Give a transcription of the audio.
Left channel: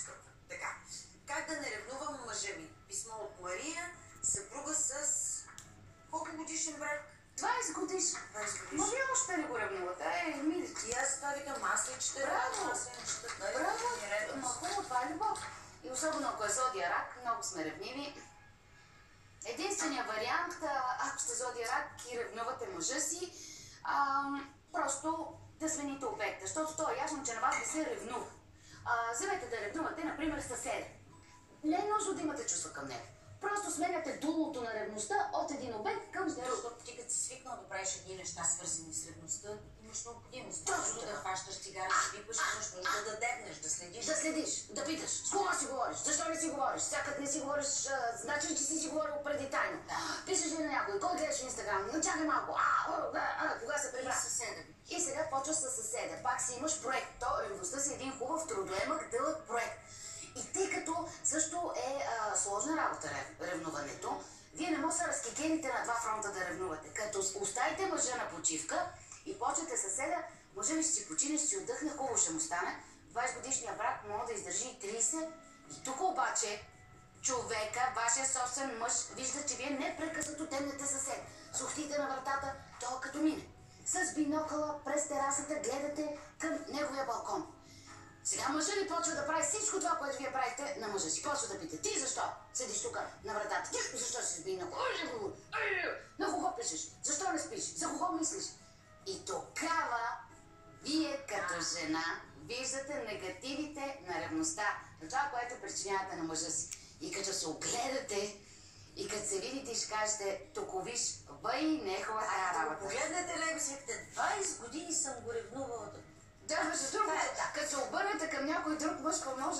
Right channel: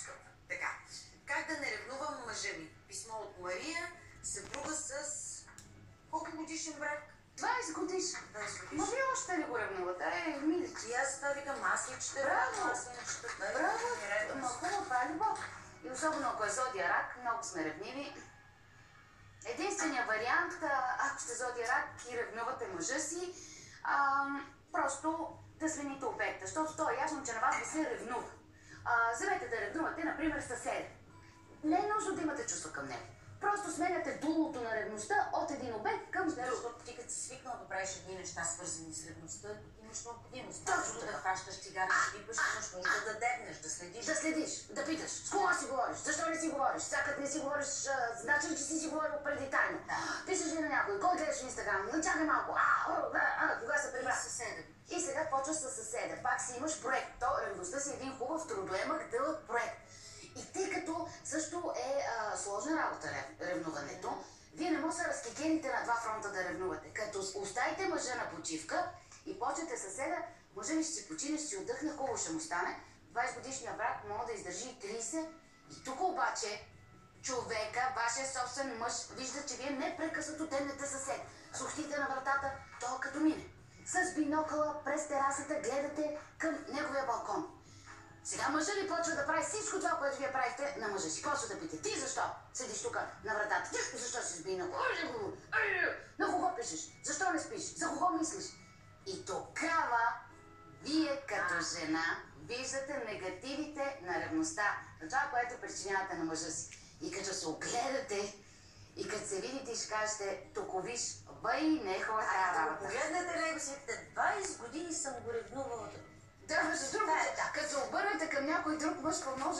майчетата. Така. Как да не ревнувам мъжа ми? Писмо от Мария, съпруга с... Колко годишен брак? 20 годишен. 20 годишен. Ма вие още ли го ревнувате? Милички. И аз това викам, аз ли чета? Браво! Аз ли не чета? Браво! Ма хубаво, това е любов. И особено ако е зодия рак, много сме ревниви. Единственият вариант, ако сте зодия рак и ревнувате мъжа си, просто да смените обекта, защото то е ясно, че на вас да се ревнува. Вземете да ревнувате, например, съседа. Не е нужно да имате чувства към него. Просто сменяте дулото на ревността от един обект към друг. Защото ти като си свикнал да правиш едни неща, свързани с ревността, имаш необходимост. Точно да хващаш цигара, да пипаш, имаш нужда да дебнеш, да следиш. Да следиш, да питаш. С кого си говориш? Защо не си говориш? Сякаш не си говориш, значи ли, че си говорил преди тайно? Да. Пишеш ли на някой? Кой гледаш в Инстаграм? Чакай малко. Кога се прибра? И съседа ви. И сега почваш със съседа. Пак си имаш проект. То ревността си един хубав, трудоемък, дълъг проект. И тъй като също е сложна работа ревнуването, вие не може да се разкикените на два фронта да ревнувате. Като оставите мъжа на почивка и почвате съседа, мъжа ви ще си почине, ще си отдъхне, хубаво ще му стане. 20 годишния брак може да издържи и 30. И тук обаче човека, вашия собствен мъж, вижда, че вие непрекъснато темнете съсед. Сухтите на вратата, то като мине. С бинокъла през терасата гледате към неговия балкон. Сега мъжа ви почва да прави всичко това, което вие правите на мъжа си. Почва да пита, ти защо седиш тук на вратата? Ти защо си сби на на кого пишеш? Защо не спиш? За кого мислиш? И тогава вие като жена виждате негативите на ревността, на това, което причинявате на мъжа си. И като се огледате, и като се видите и ще кажете, тук виж, бъй, не е хубава тази работа. Погледнете него си, 20 години съм го ревнувала. Да, между другото, като се обърнете към някой друг мъж, какво може